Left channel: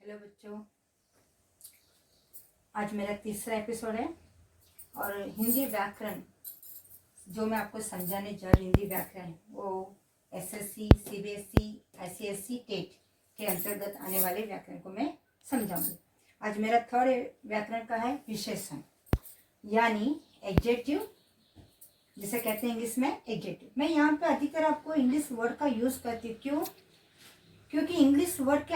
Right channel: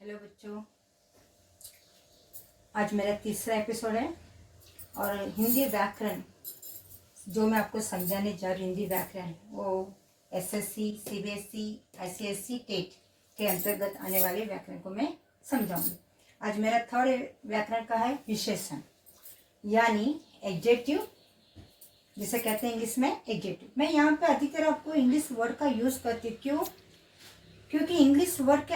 Hello बच्चों, आज मेरा तीसरा एपिसोड है और हिंदी व्याकरण जो मैं आपको समझाने जा रही हूँ। हिंदी व्याकरण वो एसएससी, सीबीएसई, आईसीएसई, टेट के अंतर्गत आने वाले व्याकरण को मैं समझाऊंगी। आज मेरा थर्ड व्याकरण का है विशेषण, यानी एडजेक्टिव, जिसे कहते हैं इंग्लिश में एडजेक्टिव। मैं यहाँ पे अधिकतर आपको इंग्लिश वर्ड का यूज़ करती हूँ। क्योंकि इंग्लिश वर्ड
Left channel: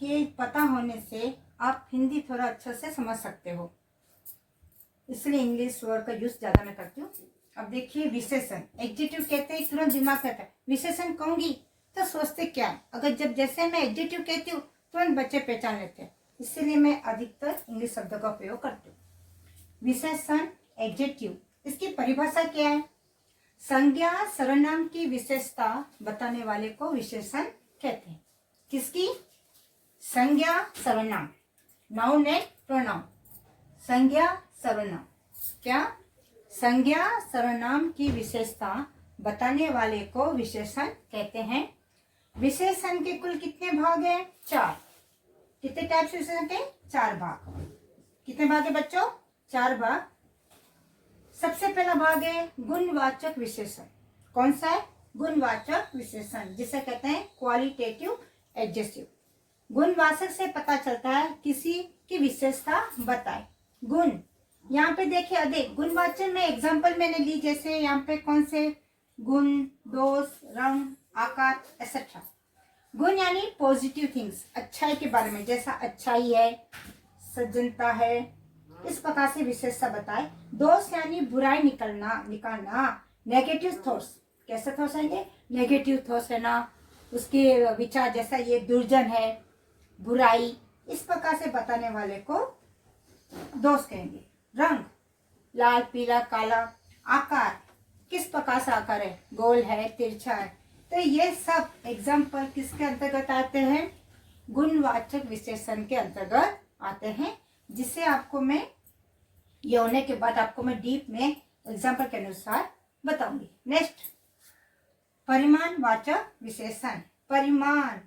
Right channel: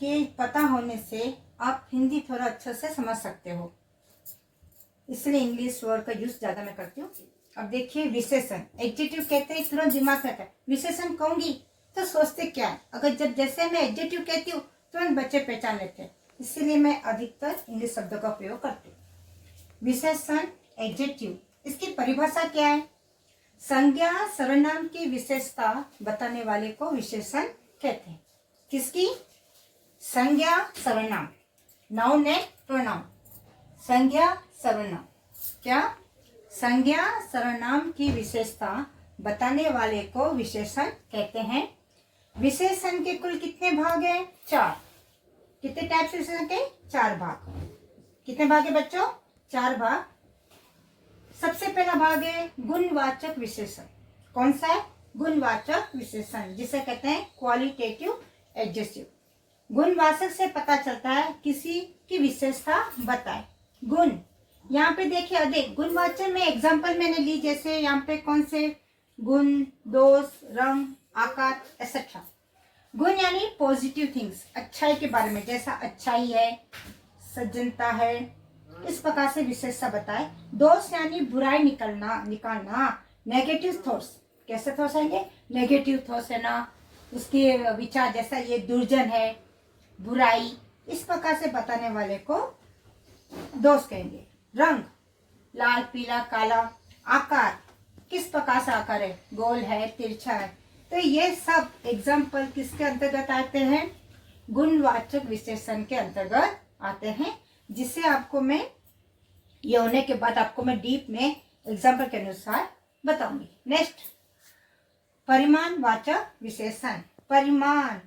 के पता होने से आप हिंदी थोड़ा अच्छे से समझ सकते हो, इसलिए इंग्लिश वर्ड का यूज ज्यादा मैं करती हूँ। अब देखिए, विशेषण एडजेक्टिव कहते हैं, तुरंत दिमाग में आता है विशेषण कहूंगी तो सोचते क्या है। अगर जैसे मैं एडजेक्टिव कहती हूँ तुरंत बच्चे पहचान लेते हैं, इसीलिए मैं अधिकतर इंग्लिश शब्दों का प्रयोग करती हूँ। विशेषण एडजेक्टिव, इसकी परिभाषा क्या है? संज्ञा सर्वनाम की विशेषता बताने वाले को विशेषण कहते हैं। किसकी? संज्ञा सर्वनाम, नाउन एंड प्रोनाउन। संज्ञा सर्वनाम क्या? संज्ञा सर्वनाम की विशेषता बताने वाले को विशेषण कहते हैं। विशेषण के कुल कितने भाग हैं? 4। कितने टाइप से विशेषण के? 4 भाग। कितने भाग है बच्चों? 4 भाग। सबसे पहला भाग है गुणवाचक विशेषण। कौन सा है? गुणवाचक विशेषण, जिसे कहते हैं क्वालिटेटिव एडजेक्टिव। गुणवाचक से पता चलता है किसी की विशेषता बताए। गुण, यहाँ पे देखिए अधिक गुणवाचक में एग्जांपल मैंने ली, जैसे यहाँ पे कौन से? गुण, दोष, रंग, आकार, एक्सेट्रा। गुण यानी पॉजिटिव थिंग्स, अच्छाई के बारे में, जैसा अच्छाई है, सज्जनता है, इस प्रकार से विशेषता बताए। दोष यानी बुराई निकालना, नेगेटिव थॉट्स। कैसे थॉट्स आएंगे? नेगेटिव थॉट्स है ना, उसके विचार जैसा ये दुर्जन है, बुराई, इस प्रकार से बताने वाले को दोष कहेंगे। रंग, लाल, पीला, काला। आकार, किस प्रकार से आकार है? गोल है, तिरछा है। तो ये सब एग्जाम्पल किसके अंतर्गत आते हैं? गुणवाचक विशेषण के अंतर्गत आते हैं, जिसे आपको मैं ये होने के बाद आपको मैं डीप में एग्जाम्पल के अनुसार बताऊंगी। नेक्स्ट, परिमाणवाचक विशेषण। परिमाण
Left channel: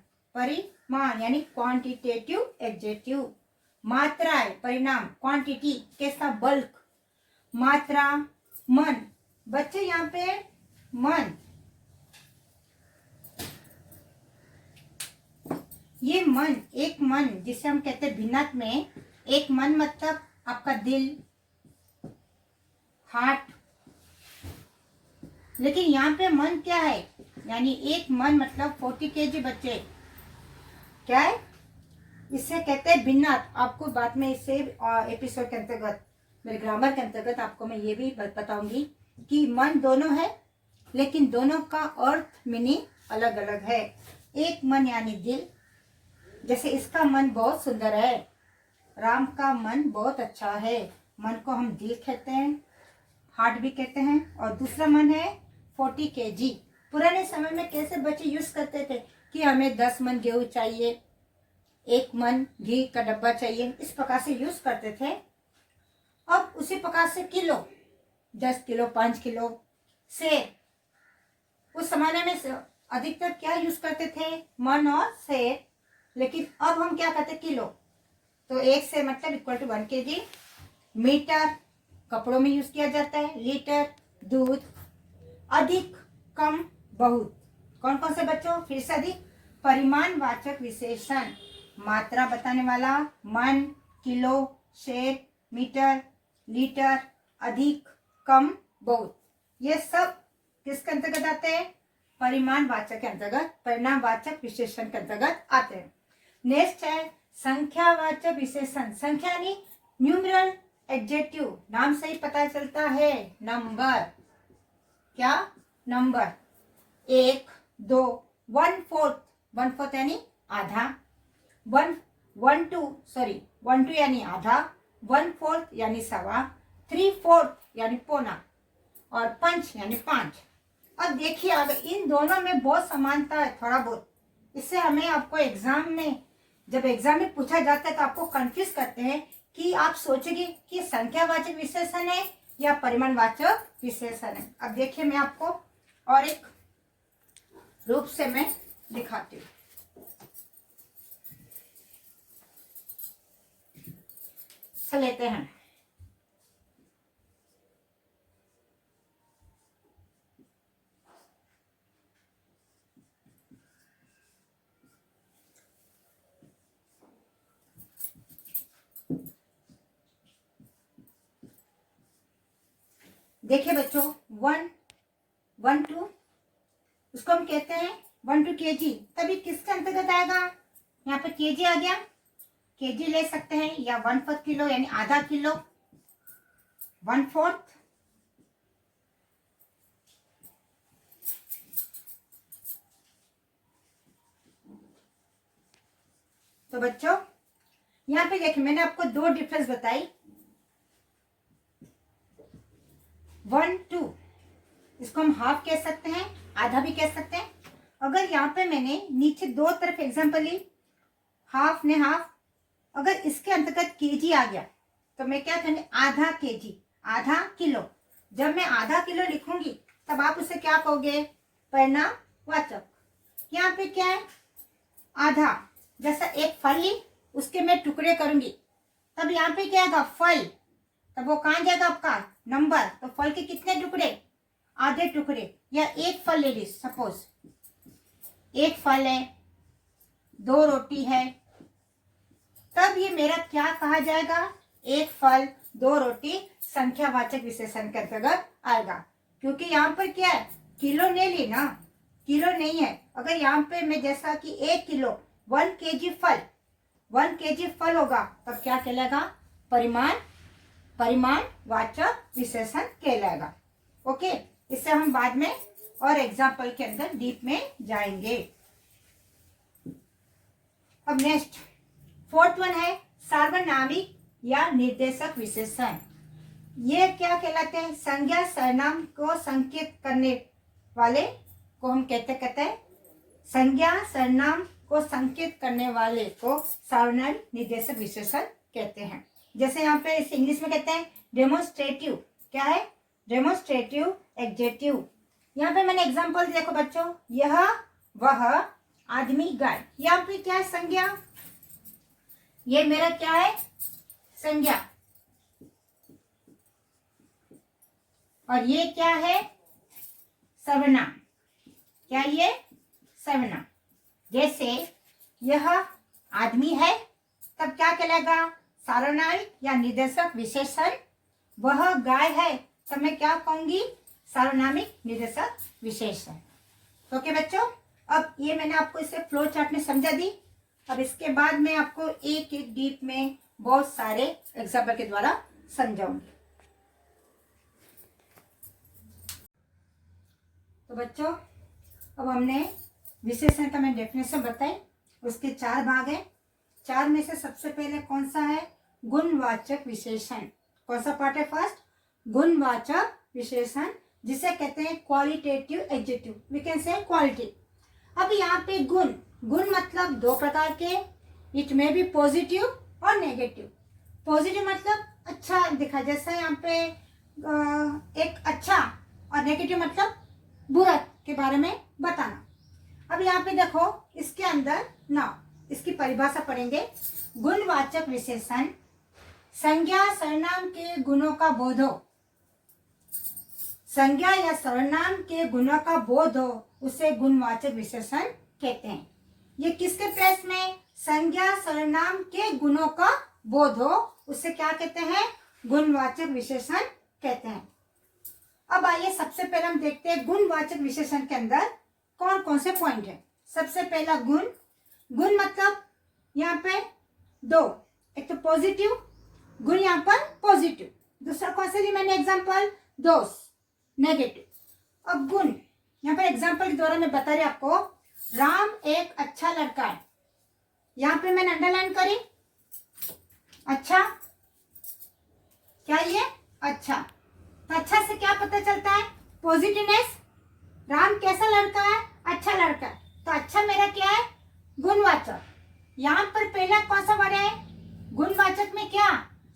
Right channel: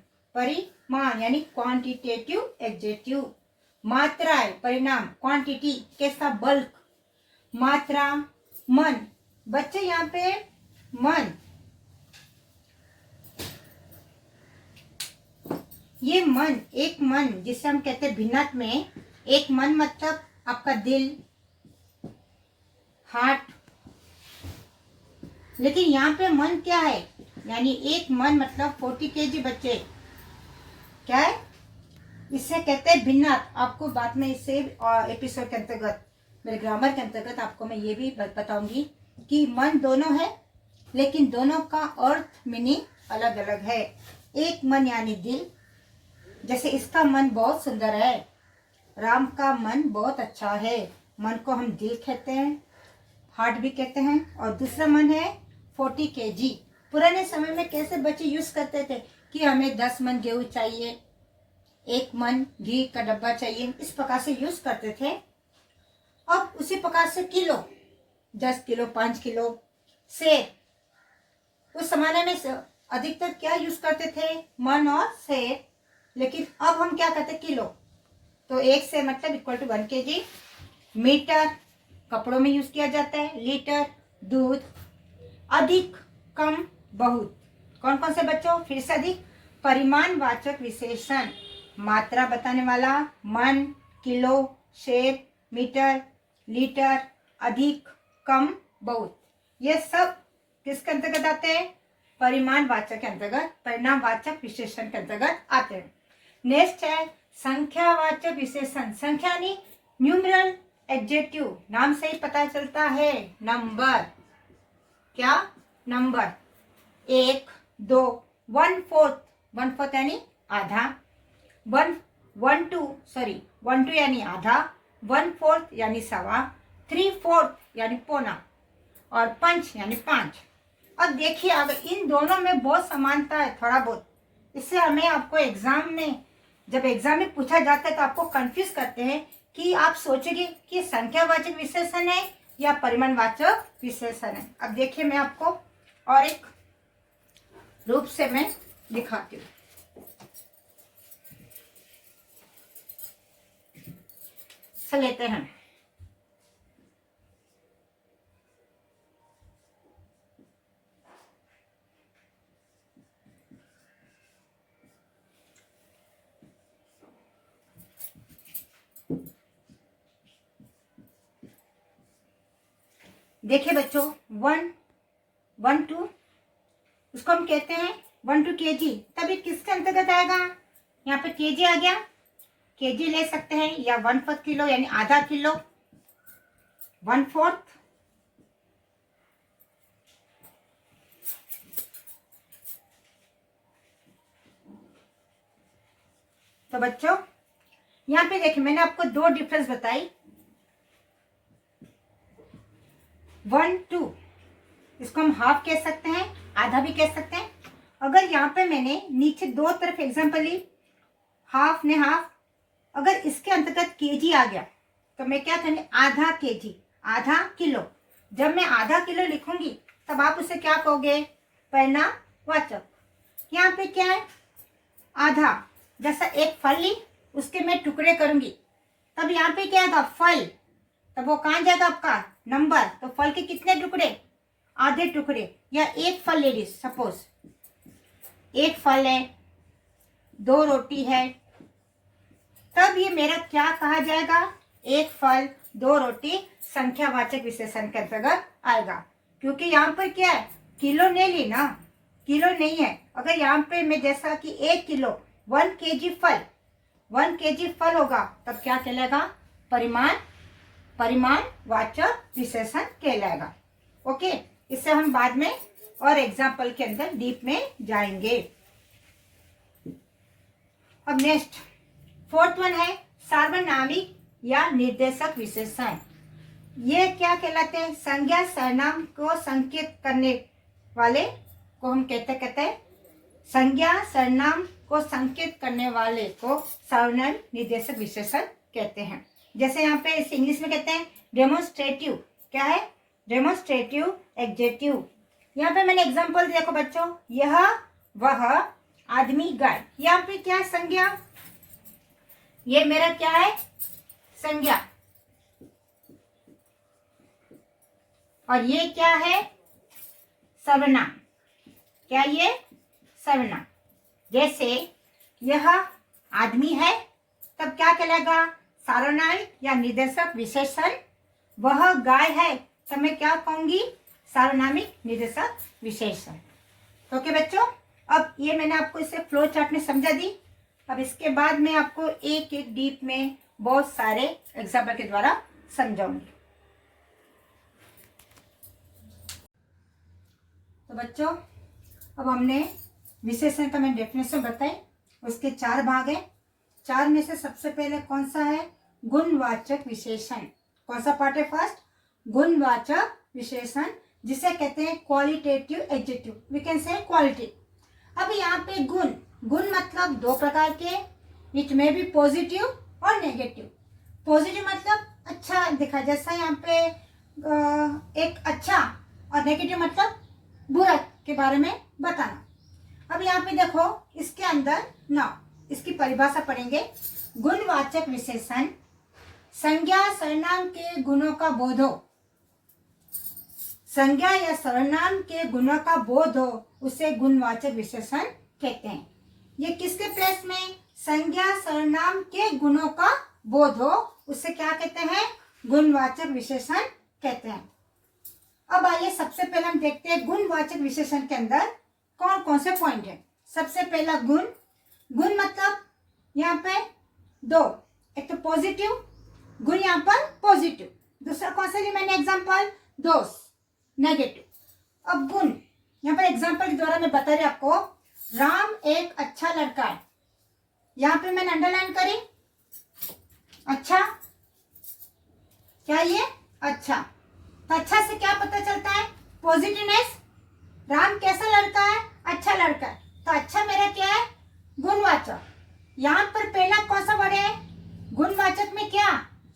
यानी क्वांटिटेटिव एडजेक्टिव। मात्रा है, परिणाम, क्वांटिटी, कैसा? बल्क। मात्रा, मन। बच्चे यहाँ पे मन, ये मन, एक मन जिसे हम कहते हैं भिन्नार्थ में एक मन, मतलब आपका दिल, हार्ट। लेकिन यहाँ पे मन क्या है? यानी एक मन मतलब 40 kg। बच्चे क्या है? इससे कहते हैं भिन्नार्थ। आपको बाद में इससे एपिसोड के अंतर्गत, मेरे ग्रामर के अंतर्गत आपको मैं ये भी बताऊंगी कि मन दोनों है, लेकिन दोनों का अर्थ मीनिंग अलग अलग है। एक मन यानी दिल, जैसे इसका मन बहुत सुंदर है, राम का मन बहुत अच्छा है, मन को हम दिल कहते हैं, हार्ट भी कहते हैं। और दूसरा मन है 40 kg। पुराने समय में कैसे बच्चे यूज करते थे कि हमें 10 मन गेहूं चाहिए, 1 मन घी का डब्बा चाहिए, इस प्रकार से यूज करते थे। अब उसी प्रकार से किलो, 10 किलो, 5 किलो। सेर, उस जमाने में अधिकतर क्या यूज करते थे? मन और सेर। लेकिन अब हम क्या करते? किलो। तो 1 सेर मतलब इक्वल टू 1 kg। मीटर, कपड़ों में यूज किया जाता है। लीटर, दूध। अधिक, कम, बहुत। कौन कौन से बच्चों? फिर से अधिक। परिमाणवाचक विशेषण, मात्रा बताने वाला, मन, किलो, शेर, मीटर, लीटर, अधिक, कम, बहुत। ये सब किसके अंतर्गत आते हैं? परिमाणवाचक के अंतर्गत, परिणामवाचक विशेषण के अंतर्गत आते हैं। नेक्स्ट है संख्यावाचक विशेषण। संख्या यानी न्यूमरल एडजेक्टिव, नाम से ही पता चलता है, नंबर। क्या? नंबर। 1, 2, 1/4 यानी आधा। 1/2 यानी आधा। 1/4 यानी सवा। 3/4 यानी पौना। और पंच यानी 5। अब देखिए, अगर इन दोनों में बहुत समानता है, थोड़ा बहुत, इससे हमें आपको जब एग्जाम में पूछा जाता है तो आपको कंफ्यूज करते हैं कि आप सोचेंगे कि संख्यावाचक विशेषण है या परिमाणवाचक विशेषण है। अब देखिए, मैं आपको और एक रूप से मैं दिखाती हूँ। लेते हैं। देखिए बच्चों, 1 उसको हम कहते हैं 1 to kg, तभी किसके अंतर्गत आएगा? यहाँ पे kg आ गया, kg ले सकते हैं, या 1/4 किलो यानी आधा किलो, 1/4, तो बच्चों यहाँ पे देखिए मैंने आपको 2 डिफरेंस बताई, 1 2, इसको हम हाफ कह सकते हैं, आधा भी कह सकते हैं। अगर यहाँ पे मैंने नीचे 2 तरफ एग्जांपल ली, हाफ ने हाफ, अगर इसके अंतर्गत केजी आ गया तो मैं क्या करूँगी? आधा केजी, आधा किलो। जब मैं आधा किलो लिखूंगी तब आप उसे क्या कहोगे? परिमाणवाचक। यहाँ पे क्या है? आधा, जैसा एक फल ली उसके मैं टुकड़े करूंगी, तब यहाँ पे क्या आएगा? फल, तब वो कहाँ जाएगा? आपका नंबर। तो फल के कितने टुकड़े? आधे टुकड़े। या एक फल ले ली, सपोज एक फल है, 2 रोटी है, तब ये मेरा क्या कहा जाएगा? एक फल 2 रोटी संख्यावाचक विशेषण के अंतर्गत आएगा, क्योंकि यहाँ पर क्या है? किलो नहीं ली ना, किलो नहीं है। अगर यहाँ पे मैं जैसा कि 1 किलो 1 kg फल होगा, तब क्या कहलाएगा? परिमाणवाचक विशेषण कहलाएगा। ओके, इससे हम बाद में और एग्जाम्पल के अंदर डीप में जाएंगे। अब नेक्स्ट 4th वन है सार्वनामिक या निर्देशक विशेषण। ये क्या कहलाते हैं? संज्ञा सर्वनाम को संकेत करने वाले को हम कहते हैं संज्ञा सर्वनाम को संकेत करने वाले को सार्वनामिक निर्देशक विशेषण कहते हैं। जैसे यहाँ पे इसे इंग्लिश में कहते हैं डेमोन्स्ट्रेटिव। क्या है? Demonstrative adjective. यहाँ पे मैंने एग्जांपल देखो बच्चों, यह वह आदमी गाय, यहाँ पे क्या है? संज्ञा। ये मेरा क्या है? संज्ञा। और ये क्या है? सर्वनाम। क्या ये? सर्वनाम। जैसे यह आदमी है, तब क्या कहलाएगा? सार्वनामिक या निर्देशक विशेषण। वह गाय है, तब मैं क्या कहूंगी? सार्वनामिक निर्देशक विशेषण। ओके बच्चों, अब ये मैंने आपको इसे फ्लो चार्ट में समझा दी। अब इसके बाद मैं आपको एक एक डीप में बहुत सारे एग्जाम्पल के द्वारा समझाऊंगी। तो बच्चों, अब हमने विशेषण का मैंने डेफिनेशन बताई, उसके 4 भाग है। 4 में से सबसे पहले कौन सा है? गुणवाचक विशेषण। कौन सा पार्ट है? फर्स्ट, गुणवाचक विशेषण, जिसे कहते हैं qualitative adjective. We can say quality. अब यहाँ पे गुण, गुण मतलब 2 प्रकार के, इट में भी पॉजिटिव और नेगेटिव। पॉजिटिव मतलब अच्छा दिखा, जैसा यहाँ पे एक अच्छा, और नेगेटिव मतलब बुरा के बारे में बताना। अब यहाँ पे देखो, इसके अंदर ना इसकी परिभाषा पढ़ेंगे। गुणवाचक विशेषण संज्ञा सर्वनाम के गुणों का बोध हो, संज्ञा या सर्वनाम के गुणों का बोध हो, उसे गुणवाचक विशेषण कहते हैं। ये किसके प्लेस में? संज्ञा सर्वनाम के गुणों का बोध हो, उसे क्या कहते हैं? गुणवाचक विशेषण कहते हैं। अब आइए सबसे पहले हम देखते हैं गुणवाचक विशेषण के अंदर कौन कौन से पॉइंट है। सबसे पहला गुण। गुण मतलब यहाँ पे 2, एक तो पॉजिटिव गुण, यहाँ पर पॉजिटिव। दूसरा कौन सा जी मैंने एग्जांपल? दोष, नेगेटिव। अब गुण, यहाँ पर एग्जांपल के द्वारा मैं बता रही आपको, राम एक अच्छा लड़का है। यहाँ पे मैंने अंडरलाइन करी, अच्छा। क्या ये? अच्छा। तो अच्छा से क्या पता चलता है? पॉजिटिवनेस। राम कैसा लड़का है? अच्छा लड़का है। तो अच्छा मेरा क्या है? गुणवाचक। यहाँ पर पहला कौन सा वर्ड है? गुणवाचक में क्या?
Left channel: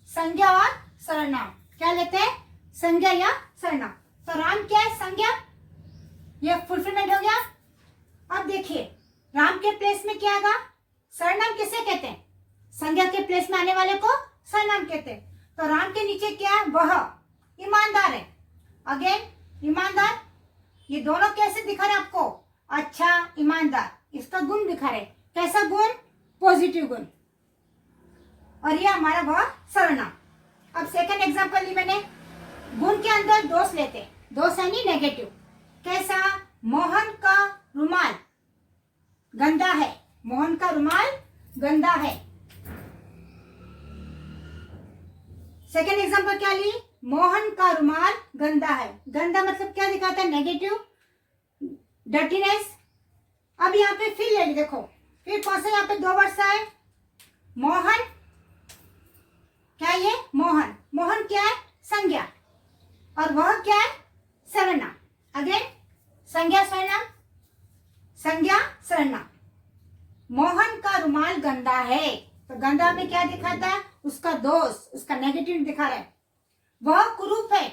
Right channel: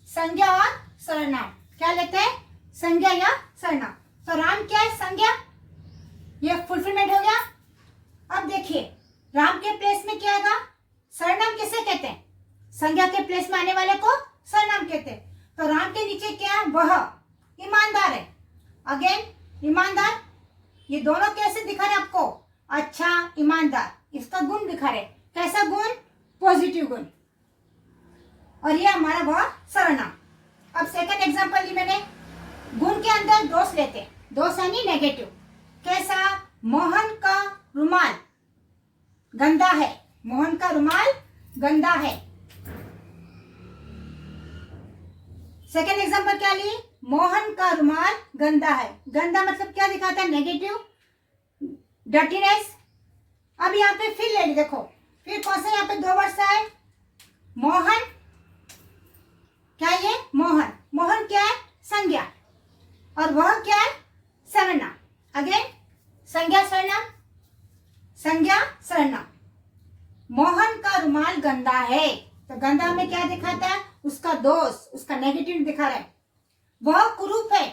संज्ञा और सर्वनाम। क्या लेते हैं? संज्ञा या सर्वनाम। तो राम क्या है? संज्ञा। ये फुलफिलमेंट हो गया। अब देखिए, राम के प्लेस में क्या आएगा? सर्वनाम किसे कहते हैं? संज्ञा के प्लेस में आने वाले को सरनाम कहते हैं। तो राम के नीचे क्या है? वह ईमानदार है। अगेन ईमानदार, ये दोनों कैसे दिखा रहे आपको? अच्छा ईमानदार, इसका गुण दिखा रहे। कैसा गुण? पॉजिटिव गुण। और ये हमारा वह सर्वनाम। अब सेकंड एग्जांपल ली मैंने। गुण के अंदर दोष लेते, दोष यानी नेगेटिव। कैसा? मोहन का रुमाल गंदा है। मोहन का रुमाल गंदा है। सेकंड एग्जांपल क्या ली? मोहन का रुमाल गंदा है। गंदा मतलब क्या दिखाता है? Negative, dirtiness. अब यहाँ पे फिर ले ली, देखो फिर कौन सा यहाँ पे दो वर्ड्स आए? मोहन, क्या ये? मोहन, मोहन क्या है? संज्ञा, और वह क्या है? सर्वनाम। अगेन संज्ञा सर्वनाम, संज्ञा सर्वनाम। मोहन का रुमाल गंदा है, तो गंदा में क्या दिखाता है? उसका दोष, उसका नेगेटिव दिखा रहा है। वह कुरूप है,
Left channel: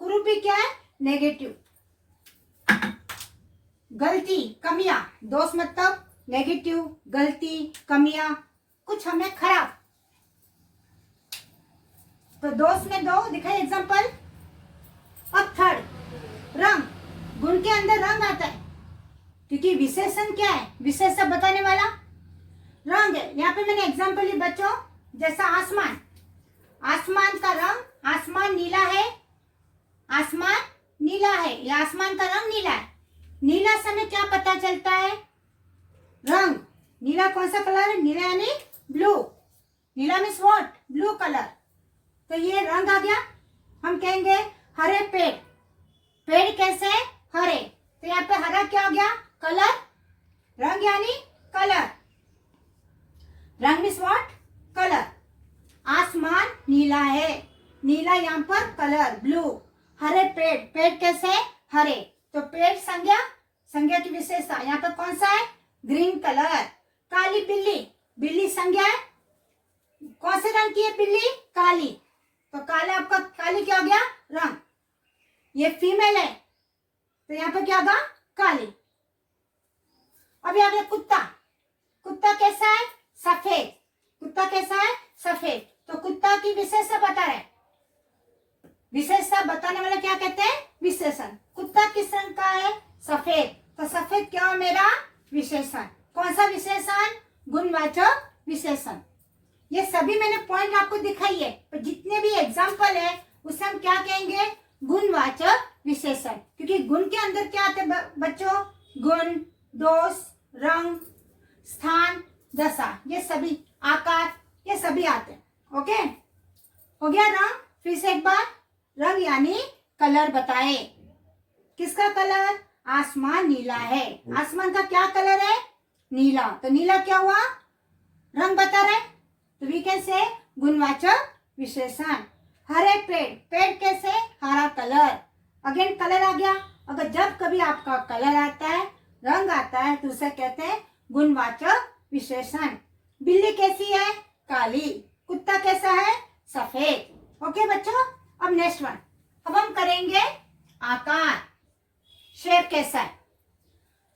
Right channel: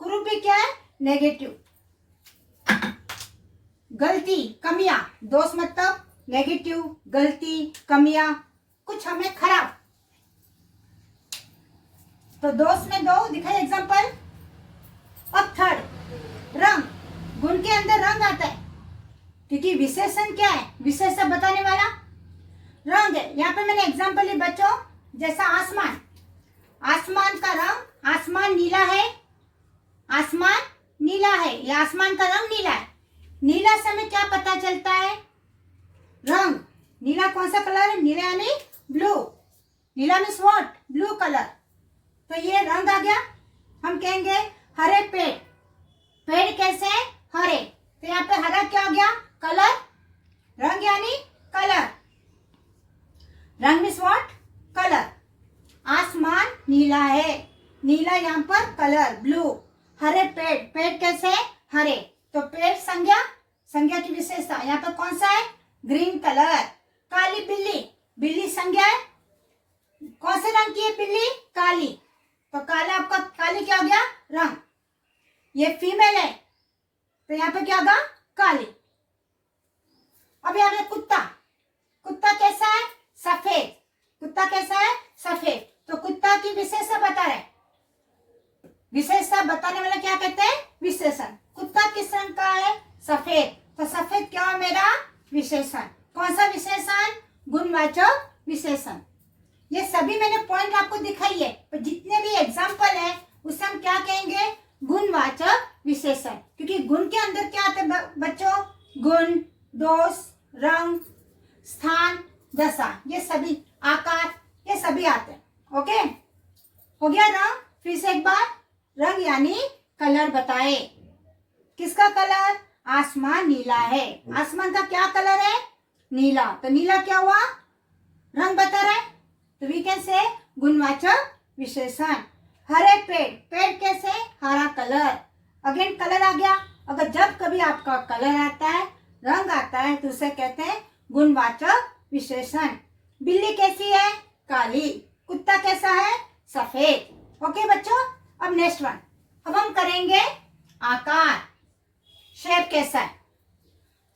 कुरूप भी क्या है? नेगेटिव। गलती, कमियां, दोष मतलब नेगेटिव, गलती, कमियां, कुछ हमें खराब। तो दोष में दो दिखाई एग्जांपल। अब थर्ड रंग, गुण के अंदर रंग आता है, क्योंकि विशेषण क्या है? विशेषण बताने वाला रंग है। यहाँ पे मैंने एग्जांपल ली बच्चों, जैसा आसमान, आसमान का रंग, आसमान नीला है, आसमान नीला है, या आसमान का रंग नीला है। नीला से हमें क्या पता चलता है? रंग। नीला कौन सा कलर है? नीला यानी blue. Neela means what? Blue colour. तो ये रंग आ गया। हम कहेंगे हरे पेड़, पेड़ कैसे है? हरे। तो यहाँ पे हरा क्या हो गया? कलर। रंग यानी कलर, रंग मीन्स व्हाट? कलर। आसमान नीला है, नीला यहाँ पर कलर, ब्लू। हरे पेड़, पेड़ कैसे है? हरे। तो पेड़ संज्ञा, संज्ञा की विशेषता यहाँ पर कौन सा है? Green colour. काली बिल्ली, बिल्ली संज्ञा है, कौन से रंग की है बिल्ली? काली। तो काला आपका, काली क्या हो गया? रंग। ये फीमेल है, तो यहाँ पे क्या होगा? काली। अब यहाँ पे कुत्ता, कुत्ता कैसा है? सफेद। कुत्ता कैसा है? सफेद। तो कुत्ता की विशेषता बता रहे, विशेषता बताने वाला क्या कहते हैं? विशेषण। कुत्ता किस रंग का है? सफेद। तो सफेद क्या है मेरा? विशेषण। कौन सा विशेषण? गुणवाचक विशेषण। ये सभी मैंने पॉइंट आपको दिखाई है, पर जितने भी एग्जाम्पल है उसे हम क्या कहेंगे? गुणवाचक विशेषण। क्योंकि गुण के अंदर क्या आते हैं बच्चों? गुण, दोष, रंग, स्थान, दशा, ये सभी, आकार, ये सभी आते हैं। ओके, हो गया रंग। फिर से एक बार, रंग यानी कलर बताए। किसका कलर? आसमान नीला है। आसमान का क्या कलर है? नीला। तो नीला क्या हुआ? रंग बता रहा है, तो वी कैन से गुणवाचक विशेषण। हरे पेड़, पेड़ कैसे? हरा कलर। अगेन कलर आ गया। अगर जब कभी आपका कलर आता है, रंग आता है, तो उसे कहते हैं गुणवाचक विशेषण। बिल्ली कैसी है? काली। कुत्ता कैसा है? सफेद। ओके बच्चों, अब नेक्स्ट वन। अब हम करेंगे आकार। शेप कैसा है?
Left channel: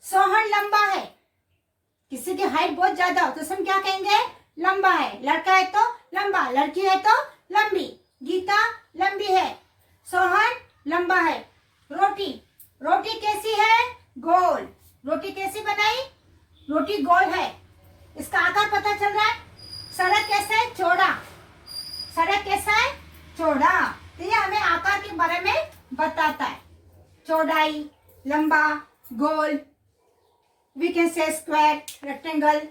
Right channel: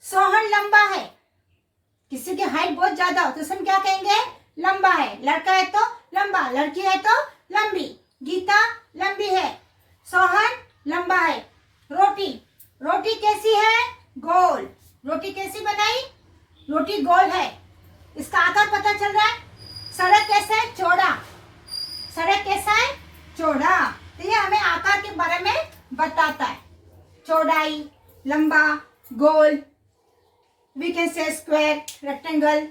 सोहन लंबा है, किसी की हाइट बहुत ज्यादा हो तो हम क्या कहेंगे? लंबा है। लड़का है तो लंबा, लड़की है तो लंबी। गीता लंबी है, सोहन लंबा है। रोटी, रोटी कैसी है? गोल। रोटी कैसी बनाई? रोटी गोल है, इसका आकार पता चल रहा है। सड़क कैसा है? चौड़ा। सड़क कैसा है? चौड़ा। तो ये हमें आकार के बारे में बताता है। चौड़ाई, लंबा, गोल, we can say square, rectangle,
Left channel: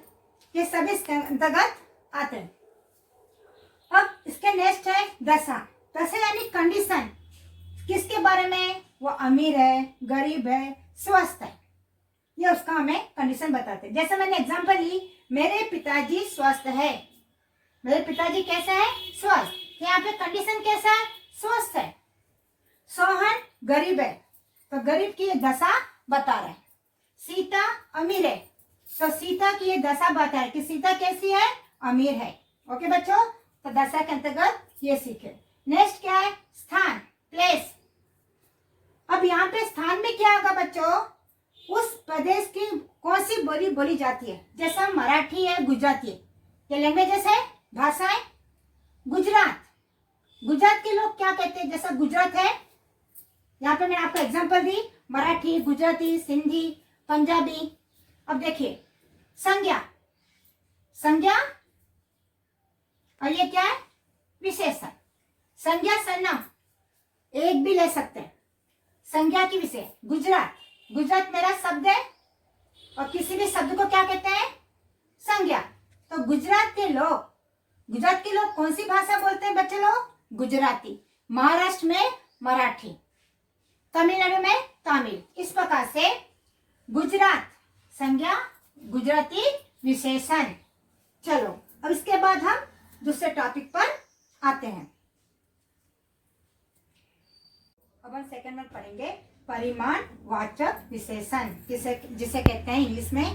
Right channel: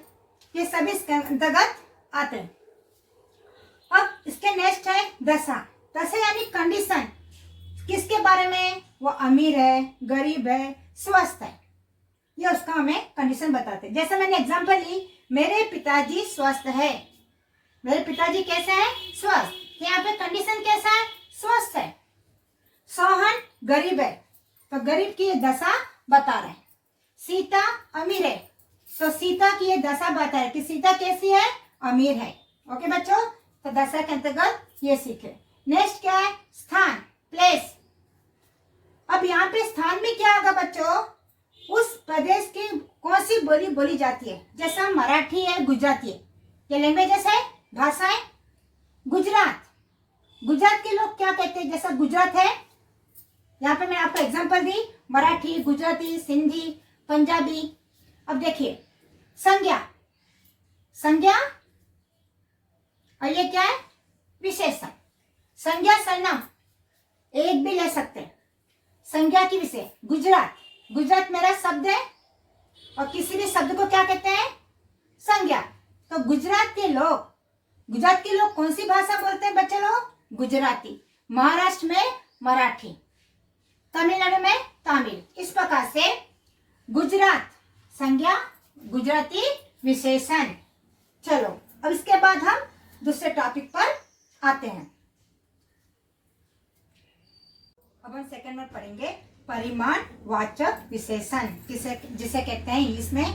ये सभी इसके अंतर्गत आते हैं। अब इसके नेक्स्ट है दशा। दशा यानी कंडीशन। किसके बारे में? वो अमीर है, गरीब है, स्वस्थ है, ये उसका हमें कंडीशन बताते हैं। जैसे मैंने एग्जांपल ली, मेरे पिताजी स्वस्थ है। मेरे पिताजी कैसे है? स्वस्थ। यहाँ पे कंडीशन कैसा है? स्वस्थ है। सोहन गरीब है, तो गरीब की ये दशा बता रहा है। सीता अमीर है, तो सीता की ये दशा बता है कि सीता कैसी है? अमीर है। ओके बच्चों, तो दशा के अंतर्गत ये सीखे। नेक्स्ट क्या है? स्थान, प्लेस। अब यहाँ पे स्थान में क्या होगा बच्चों? उस प्रदेश की कौन सी बोली बोली जाती है? जैसा मराठी है, गुजराती है, ये लैंग्वेजेस है, भाषा है। गुजरात, गुजरात के लोग क्या कहते हैं? जैसा गुजरात है, यहाँ पे मैं आपको एग्जांपल दी, मराठी, गुजराती, सिंधी, पंजाबी। अब देखिए संज्ञा, संज्ञा और ये क्या है? विशेषण। संज्ञा सर्वनाम एक भी ले सकते हैं। संज्ञा की विषय गुजरात, गुजरात मेरा शब्द है और किसी भी शब्द को क्या कहते हैं? संज्ञा। तो गुजरात के लोग कौन सी भाषा बोलते हैं बच्चे लोग? गुजराती। महाराष्ट्र में मराठी, तमिलनाडु में तमिल। इस प्रकार से गुजरात संज्ञा, गुजराती विशेषण। चलो अब इसके बाद हम दूसरे टॉपिक पर आते हैं। अब हम सेकंड में पढ़ेंगे परिमाण वाचक विशेषण, जिसे कहते हैं इंग्लिश में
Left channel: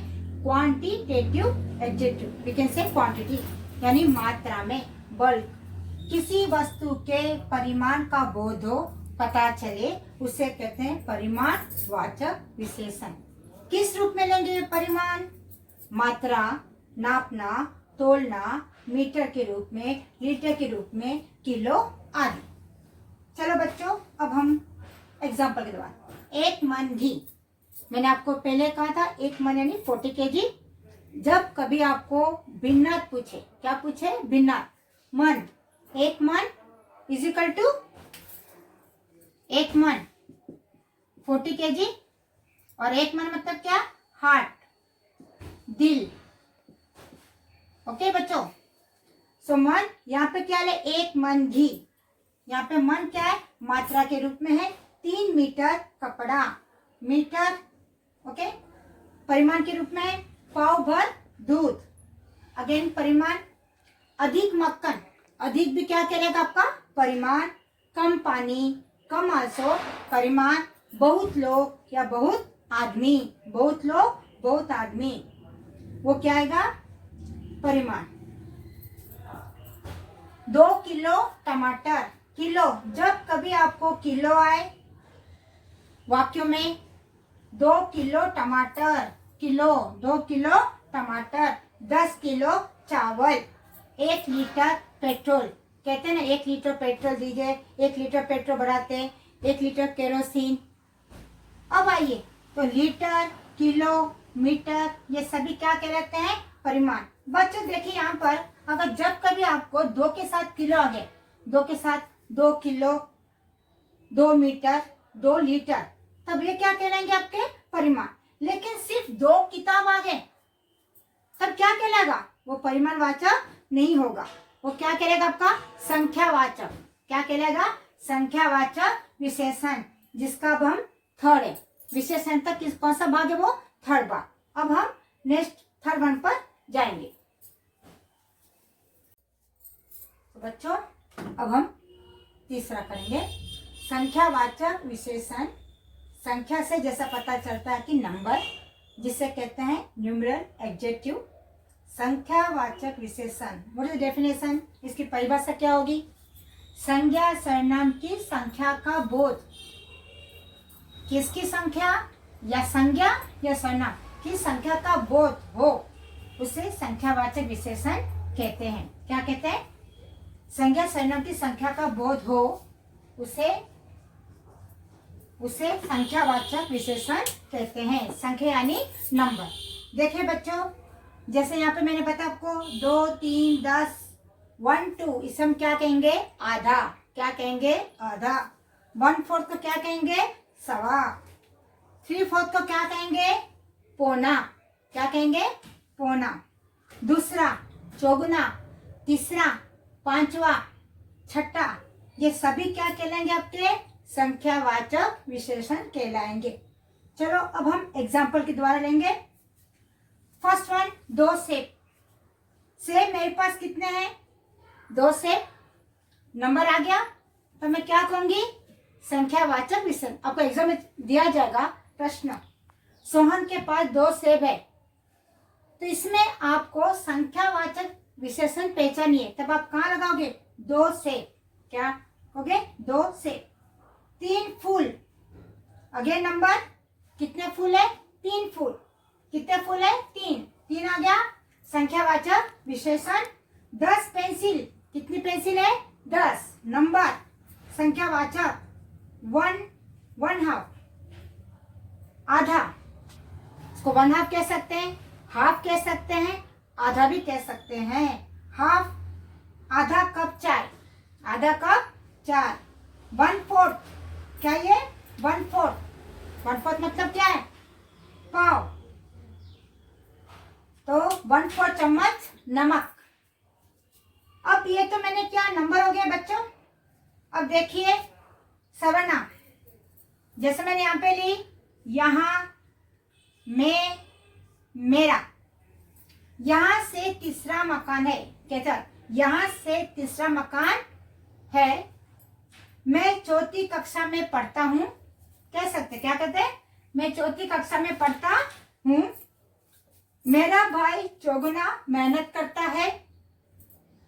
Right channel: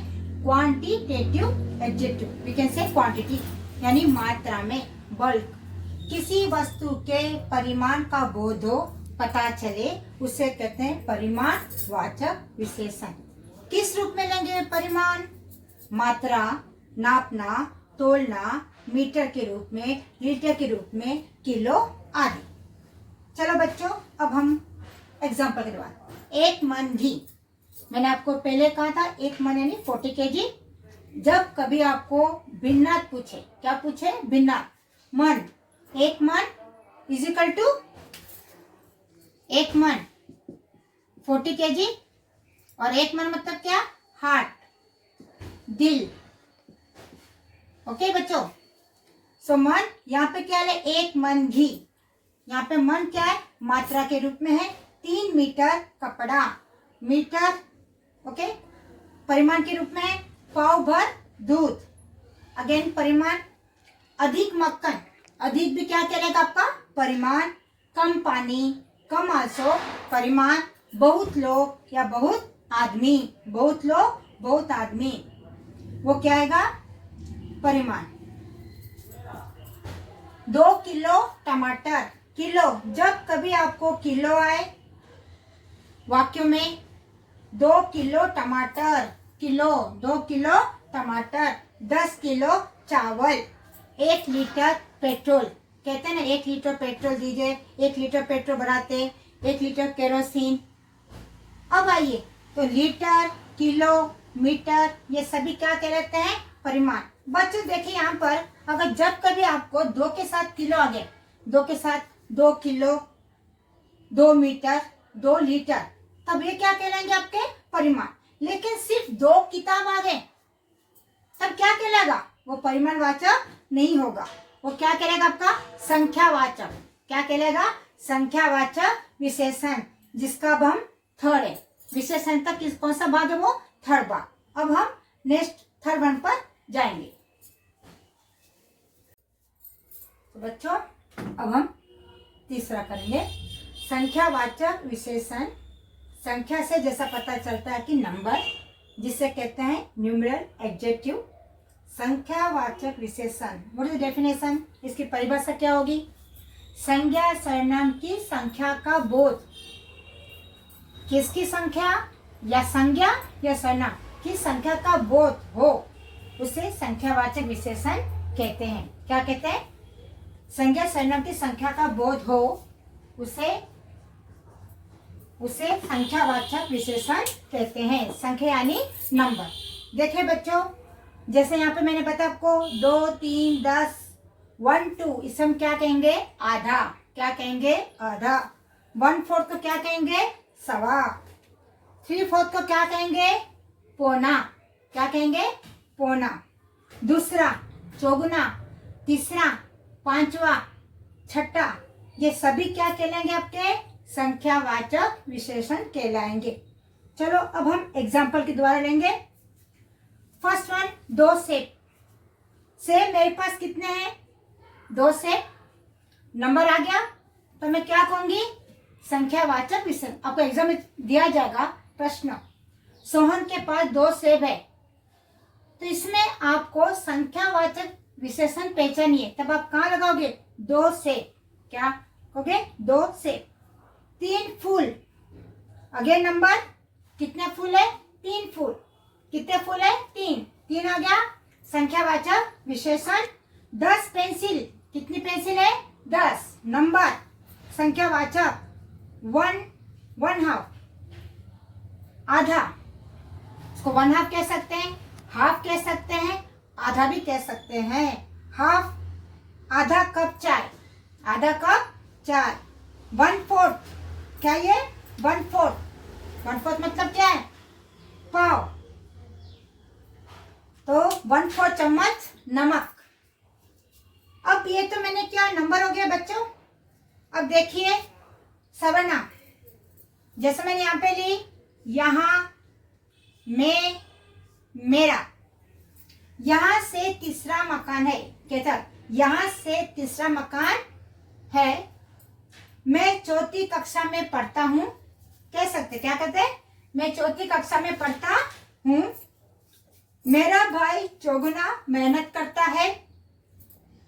quantitative adjective. We can say quantity यानी मात्रा में, बल्क। किसी वस्तु के परिमाण का बोध हो, पता चले, उसे कहते हैं परिमाण वाचक विशेषण। किस रूप में लेंगे परिमाण? मात्रा, नापना, तोलना, मीटर के रूप में, लीटर के रूप में, किलो आदि। चलो बच्चों अब हम एग्जाम्पल के बाद, एक मन घी। मैंने आपको पहले कहा था एक मन यानी 40 kg। जब कभी आपको भिन्नात पूछे, क्या पूछे? भिन्नात। मन, एक मन इज इक्वल टू एक मन 40 kg और एक मन मतलब क्या? हार्ट, दिल। ओके बच्चों, सो मन यहाँ पे क्या है? एक मन घी। यहाँ पे मन क्या है? मात्रा के रूप में है। 3 मीटर कपड़ा, मीटर। ओके, परिमाण के रूप में है पाव भर दूध। अगेन परिमाण। अधिक मक्खन, अधिक भी क्या कहलाएगा आपका? परिमाण। कम पानी, कम आंसू, परिमाण। बहुत लोग या बहुत आदमी, बहुत लोग बहुत आदमी, वो क्या आएगा? परिमाण। 2 किलो टमाटर, किलो। जब कभी आपको किलो आए वाक्यों में, 2 किलो टमाटर, किलो, 2 किलो टमाटर। 10 किलो चावल, 1 लीटर पेट्रोल। कहते हैं ना 1 लीटर पेट्रोल दीजिए, 1 लीटर पेट्रोल बढ़ाते, 1 लीटर केरोसिन। अब आइए तो लीटर, किलो, मीटर, ये सभी क्या कहलाते हैं? परिमाण। बच्चों देखिए यहाँ पर अगर जब कभी आपको 2 के साथ किलो आ गए, 2 के साथ 2 किलो, 2 मीटर, 2 लीटर, तब ये क्या कहलाएंगे? आपके परिमाण। लेकिन सिर्फ 2 किताब आ गए तब क्या कहलाएगा? वो परिमाणवाचक नहीं होगा, वो क्या कहलाएगा? आपका संख्यावाचक। क्या कहलाएगा? संख्यावाचक विशेषण, जिसका अब हम थर्ड है। विशेषण तक कौन सा भाग है? वो थर्ड भाग। अब हम नेक्स्ट थर्ड वन पर जाएंगे। तो बच्चों अब हम तीसरा करेंगे संख्यावाचक विशेषण। संख्या से जैसा पता चलता है कि नंबर, जिसे कहते हैं न्यूमेरल एडजेक्टिव। संख्यावाचक विशेषण, व्हाट इज डेफिनेशन? इसकी परिभाषा क्या होगी? संज्ञा सर्वनाम की संख्या का बोध। किसकी संख्या या संज्ञा या सर्वनाम की संख्या का बोध हो, उसे संख्यावाचक विशेषण कहते हैं। क्या कहते हैं? संज्ञा सर्वनाम की संख्या का बोध हो, उसे संख्यावाचक विशेषण कहते हैं। संख्या यानी नंबर। देखिए बच्चों, जैसे यहाँ पे मैंने बताया आपको 2, 3, 10, 1, 2, इसे हम क्या कहेंगे? आधा। क्या कहेंगे? आधा। 1/4 को क्या कहेंगे? सवा। 3/4 को क्या कहेंगे? पौना। क्या कहेंगे? पौना। दूसरा, चौगुना, तीसरा, पांचवा, छठा, ये सभी क्या कहलाएंगे? आपके संख्यावाचक विशेषण कहलाएंगे। चलो अब हम एग्जाम्पल के द्वारा लेंगे। फर्स्ट वन, 2 सेब। सेब मेरे पास कितने हैं? 2 सेब। नंबर आ गया तो मैं क्या कहूंगी? संख्यावाचक विशेषण। आपको एग्जाम में दिया जाएगा प्रश्न, सोहन के पास 2 सेब है, तो इसमें आपको संख्यावाचक विशेषण पहचानिए। तब आप कहाँ लगाओगे? 2 सेब। क्या कहोगे? 2 सेब। 3 फूल। अगेन नंबर, कितने फूल है? 3 फूल। कितने फूल है? 3 आ गया संख्यावाचक विशेषण। 10 पेंसिल। कितनी पेंसिल है 10, नंबर संख्यावाचक 1, 1/2, आधा, इसको 1/2 कह सकते हैं, हाफ कह सकते हैं, आधा भी कह सकते हैं। हाफ, आधा कप चाय, आधा कप चाय। 1/4, क्या ये 1/4, 1/4 मतलब क्या है, पाव, तो 1/4 चम्मच नमक। अब ये तो मैंने क्या नंबर हो गया बच्चों। अब देखिए सर्वनाम, जैसे मैंने यहाँ पे ली, यहाँ, मैं, मेरा। यहां से तीसरा मकान है, कहता यहां से तीसरा मकान है। मैं चौथी कक्षा में पढ़ता हूं, कह सकते क्या कहते हैं, मैं चौथी कक्षा में पढ़ता हूं। मेरा भाई चौगुना मेहनत करता है।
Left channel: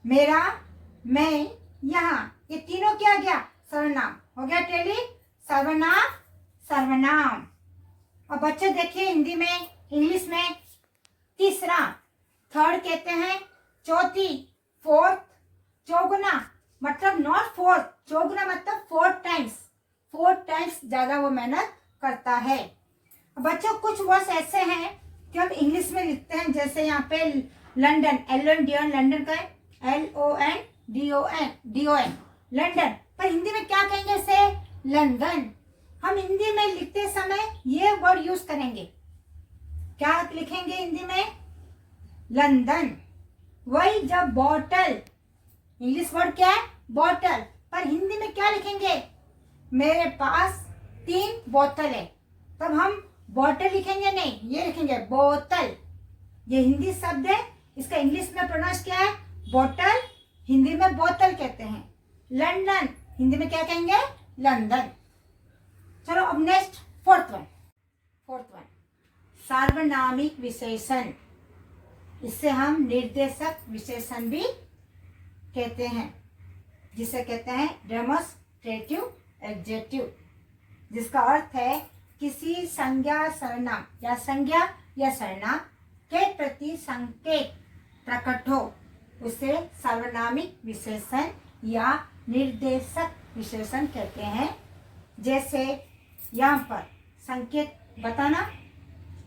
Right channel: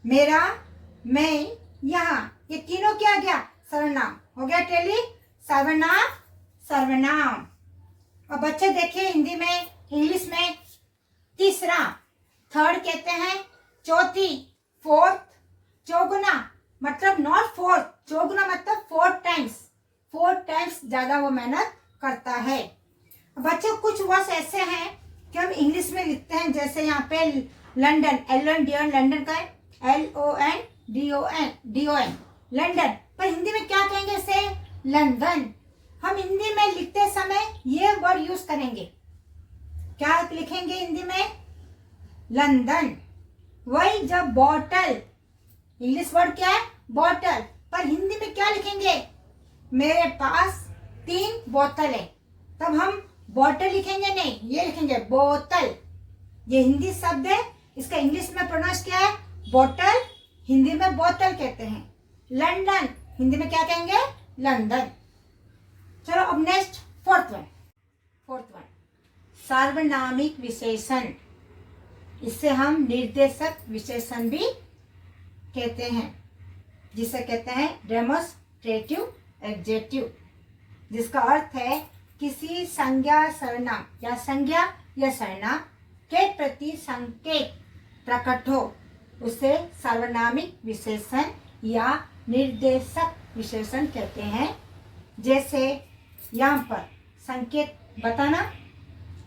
मेरा, मैं, यहाँ, ये तीनों क्या गया, सर्वनाम हो गया। टेली सर्वनाम, सर्वनाम। और बच्चे देखिए हिंदी में, इंग्लिश में तीसरा, थर्ड कहते हैं, चौथी, फोर्थ, चौगुना मतलब नॉट फोर्थ, चौगुना मतलब 4 टाइम्स ज्यादा वो मेहनत करता है। बच्चों कुछ वर्ड्स ऐसे हैं कि हम इंग्लिश में लिखते हैं, जैसे यहाँ पे लंदन, LONDON, लंदन का है LONDON, लंदन, पर हिंदी में क्या कहेंगे इसे, लंदन। हम हिंदी में लिखते समय ये वर्ड यूज करेंगे, क्या लिखेंगे हिंदी में, लंदन। वही जब बॉटल, इंग्लिश वर्ड क्या है, बॉटल, पर हिंदी में क्या लिखेंगे, मेरे पास 3 बोतल है, तब हम बॉटल लिखेंगे नहीं, ये लिखेंगे बोतल। ये हिंदी शब्द है, इसका इंग्लिश में प्रोनाउंस क्या है, बॉटल, हिंदी में बोतल कहते हैं। लंदन, हिंदी में क्या कहेंगे, लंदन। चलो अब नेक्स्ट फोर्थ वन, सार्वनामिक विशेषण, इससे हम निर्देशक विशेषण भी कहते हैं, जिसे कहते हैं डेमोस्ट्रेटिव एडजेक्टिव, जिसका अर्थ है किसी संज्ञा सर्वनाम या संज्ञा या सर्वनाम के प्रति संकेत प्रकट हो, उसे सार्वनामिक विशेषण या निर्देशक विशेषण कहते हैं। जैसे यहाँ पर संकेत बताना,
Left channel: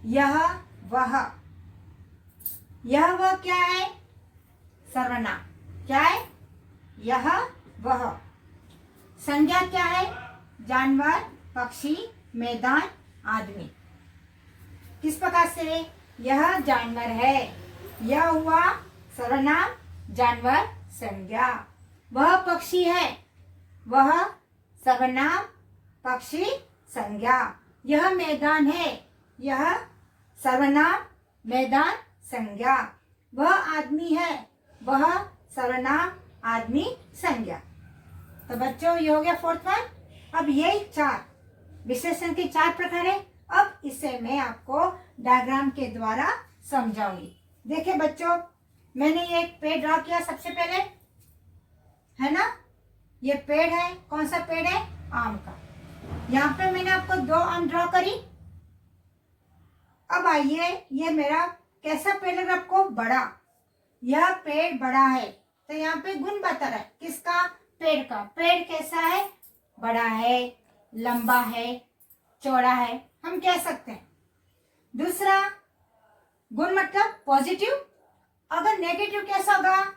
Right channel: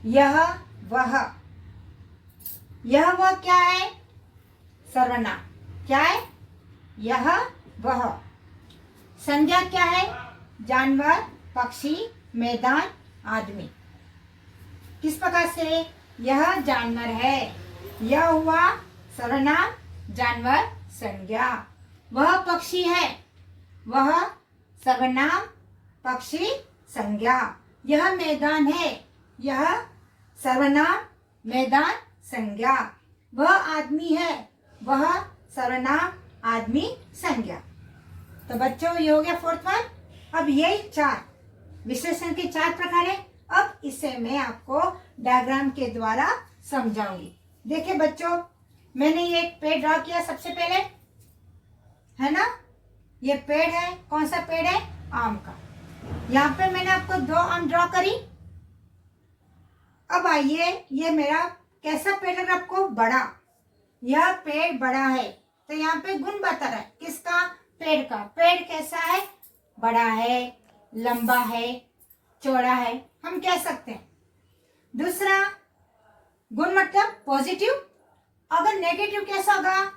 यह वह क्या है, सर्वनाम, क्या है, यह वह। संज्ञा क्या है, जानवर, पक्षी, मैदान, आदमी। किस प्रकार से, यह जानवर है, यह हुआ सर्वनाम, जानवर, संज्ञा। वह पक्षी है, वह सर्वनाम, पक्षी, संज्ञा। यह मैदान है, यह सर्वनाम, मैदान, संज्ञा। वह आदमी है, वह सर्वनाम, आदमी, संज्ञा। तो बच्चों ये हो गया फोर्थ वन। अब ये 4 विशेषण के 4 प्रकार है। अब इसे मैं आपको डायग्राम के द्वारा समझाऊंगी। देखिए बच्चों, मैंने ये एक पेड़ ड्रॉ किया सबसे पहले, है ना, ये पेड़ है, कौन सा पेड़ है, आम का। यहाँ पे मैंने आपको 2 आम ड्रॉ करी। अब आइए, ये मेरा कैसा पेड़ लग रहा है आपको, बड़ा, यह पेड़ बड़ा है, तो यहाँ पे गुण बता रहा है, किसका, पेड़ का। पेड़ कैसा है, बड़ा है, लंबा है, चौड़ा है, हम कह सकते हैं। दूसरा गुण मतलब पॉजिटिव। अगर नेगेटिव कैसा होगा,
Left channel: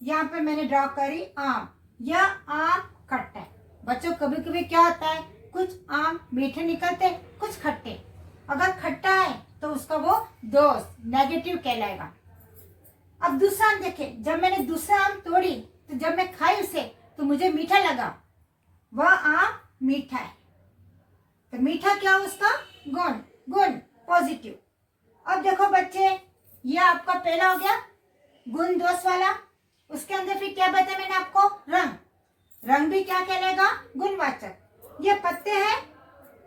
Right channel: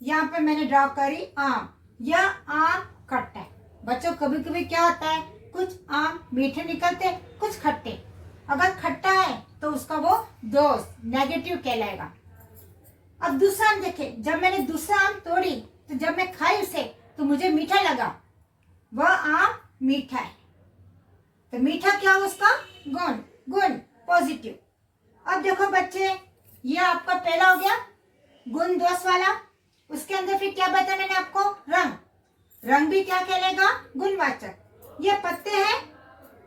यहाँ पे मैंने ड्रॉ करी आम, यह आम खट्टा है। बच्चों कभी कभी क्या होता है, कुछ आम मीठे निकलते, कुछ खट्टे। अगर खट्टा है तो उसका वो दोष, नेगेटिव कहलाएगा। अब दूसरा आम देखें, जब मैंने दूसरा आम तोड़ी तो जब मैं खाई उसे तो मुझे मीठा लगा, वह आम मीठा है, तो मीठा क्या हो उसका, गुण पॉजिटिव। अब देखो बच्चे, ये आपका पहला हो गया गुण दोष वाला। उसके अंदर फिर क्या बताया मैंने आपको, रंग भी क्या कहलाएगा, गुणवाचक। ये पत्ते हैं,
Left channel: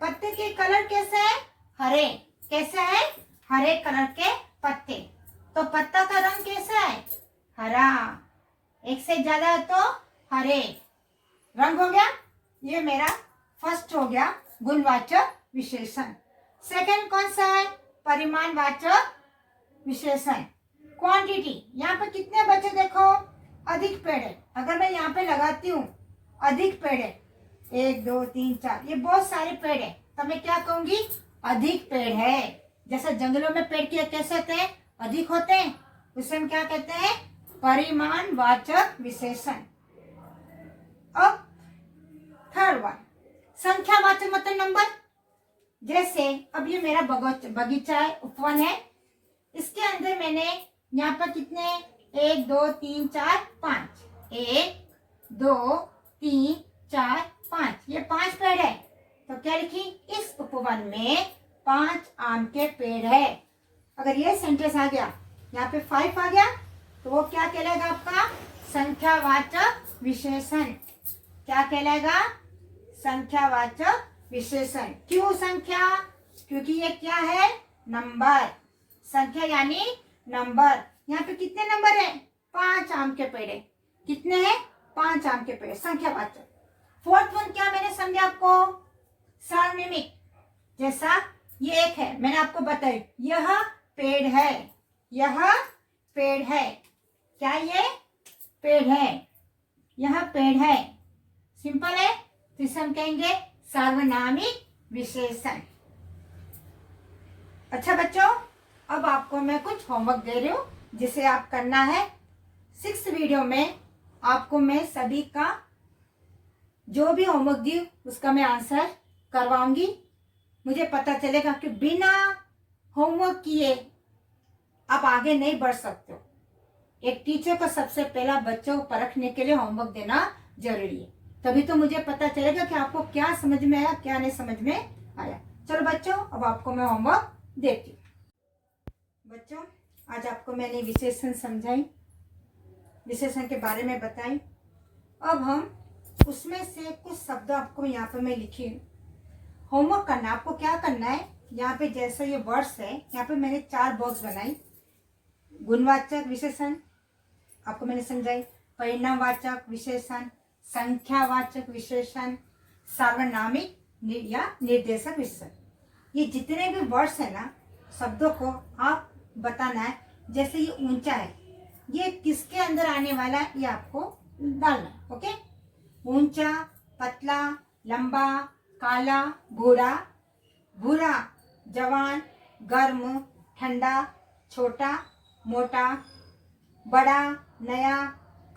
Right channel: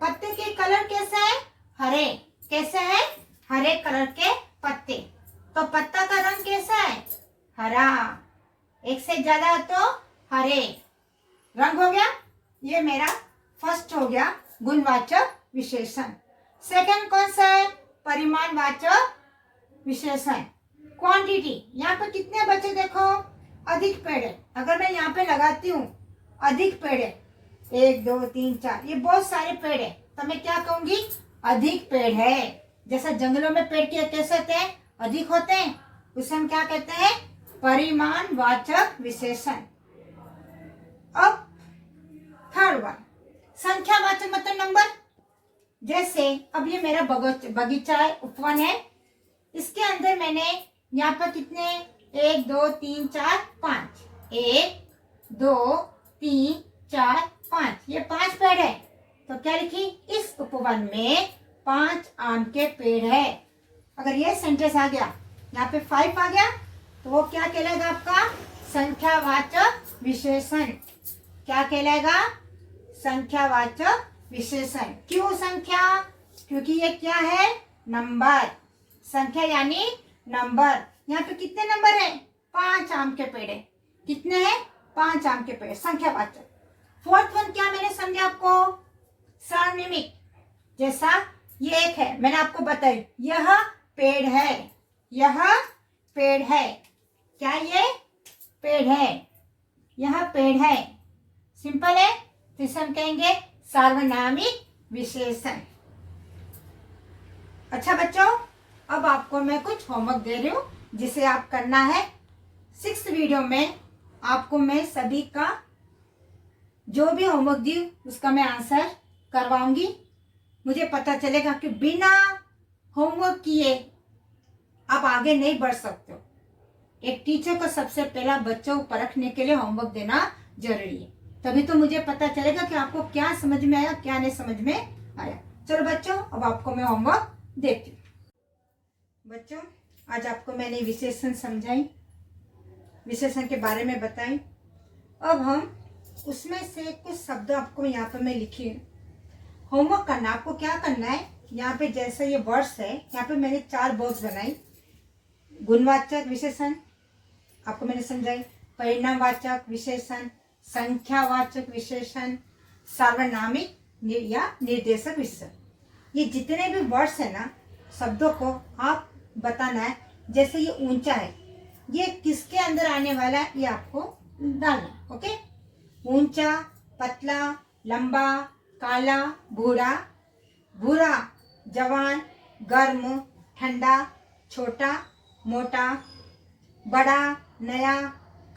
पत्ते के कलर कैसा है, हरे, कैसा है, हरे कलर के पत्ते। तो पत्ता का रंग कैसा है, हरा, एक से ज्यादा है तो हरे रंग हो गया। ये मेरा फर्स्ट हो गया गुणवाचक विशेषण। सेकंड कौन सा है, परिमाणवाचक विशेषण, क्वांटिटी। यहाँ पर कितने बच्चे देखो, अधिक पेड़ है। अगर मैं यहाँ पे लगाती हूँ अधिक पेड़ है, 1 2 3 4, ये बहुत सारे पेड़ है, तो मैं क्या कहूंगी? अधिक पेड़ है। जैसे जंगलों में पेड़ के कैसे होते हैं? अधिक होते हैं। उसे हम क्या कहते हैं? परिमाणवाचक विशेषण। अब थर्ड वन, संख्यावाचक मतलब नंबर। जैसे अब ये मेरा बगीचा है, उपवन है, इसके अंदर मैंने यहाँ पर कितने 1 2 3 4 5, 1 2 3 4 5, ये 5 पेड़ है। तो क्या लिखी? इस उपवन में 5 आम के पेड़ है। अगर ये सेंटेंस आ गया, यहाँ पे 5 आ गया, तो वो क्या कहलाएगा आपका? संख्यावाचक विशेषण। क्या कहलाएगा? संख्यावाचक विशेषण। क्यों संख्या? क्योंकि ये क्या है? नंबर। संख्या यानी नंबर। यहाँ पे कितने नंबर है? 5 आम के पेड़ है। कितने हैं? 5 आम के पेड़, संख्यावाचक। फोर्थ वन क्या मैंने समझा आपको? सार्वनिमिक। जैसा ये एक है, मैंने आपको बताई, यह पेड़ है, यह पेड़ है। क्या ये पेड़ है? यह पेड़ है। सिंपल है। तो इसे हम कहेंगे सार्वनामिक विशेषण। अच्छा बच्चों, अब आपको मैं कुछ होमवर्क दे रही हूँ जिसे आप करना है। 6th वीडियो में आपको मैं सभी का जो भी होमवर्क दी उसका मैं आंसर करवाऊंगी। मुझे पता चलेगा कि बिना होमवर्क किए आप आगे नहीं बढ़ सकते हो। एक टीचर को सबसे पहला बच्चों को परखने के लिए होमवर्क देना जरूरी है, तभी तो मुझे पता चलेगा कि आपको क्या समझ में आया, क्या नहीं समझ में आया। चलो बच्चों, अब आपको मैं होमवर्क देती हूँ। बच्चों, आज आपको मैंने विशेषण समझाई, विशेषण के बारे में बताई। अब हम उसमें से कुछ शब्द आपको यहाँ पर मैं लिखी होमवर्क करना। आपको क्या करना है, यहाँ पे जैसे ये वर्ड्स है, यहाँ पे मैंने 4 बॉक्स बनाई। गुणवाचक विशेषण आपको मैंने समझाई, परिणामवाचक विशेषण, संख्यावाचक विशेषण, सार्वनामिक या निर्देशक विशेषण। ये जितने भी वर्ड्स है ना, शब्दों को आप बताना है। जैसे ये ऊंचा है, ये किसके अंदर आने वाला है, ये आपको डालना है। ओके, ऊंचा, पतला, लंबा, काला, भूरा, भूरा, जवान, गर्म, ठंडा, छोटा, मोटा, बड़ा, नया,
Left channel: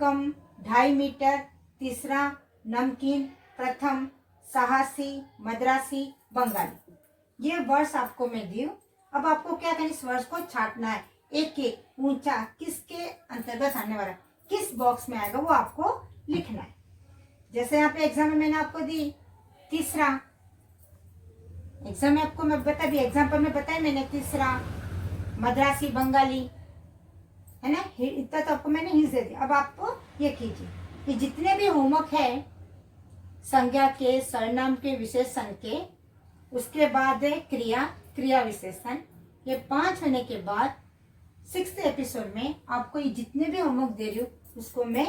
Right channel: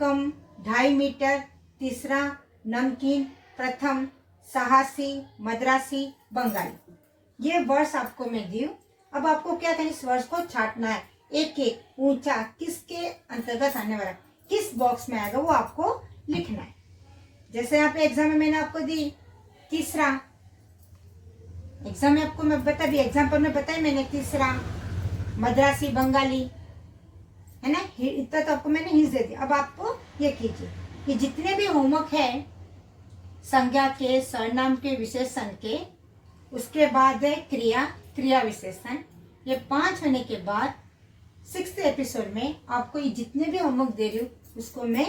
कम, 2.5 मीटर, तीसरा, नमकीन, प्रथम, साहसी, मद्रासी, बंगाली। ये वर्ड्स आपको मैं दी हूँ। अब आपको क्या करना है, इस वर्ड्स को छांटना है। एक एक ऊंचा किसके अंतर्गत आने वाला, किस बॉक्स में आएगा, वो आपको लिखना है। जैसे यहाँ पे एग्जाम में मैंने आपको दी तीसरा, एग्जाम में आपको मैं बता दी, एग्जाम्पल में बताया मैंने तीसरा, मद्रासी, बंगाली, है ना। इतना तो आपको मैंने हिंस दे दिया। अब आपको ये कीजिए, ये जितने भी होमवर्क है संज्ञा के, सर्वनाम के, विशेषण के, उसके बाद है क्रिया, क्रिया विशेषण। ये 5 होने के बाद 6th एपिसोड में आपको ये जितने भी होमवर्क दे रही हूँ उसको मैं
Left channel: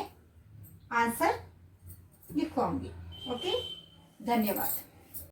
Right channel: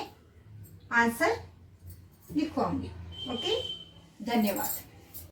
आंसर लिखवाऊंगी। ओके, धन्यवाद।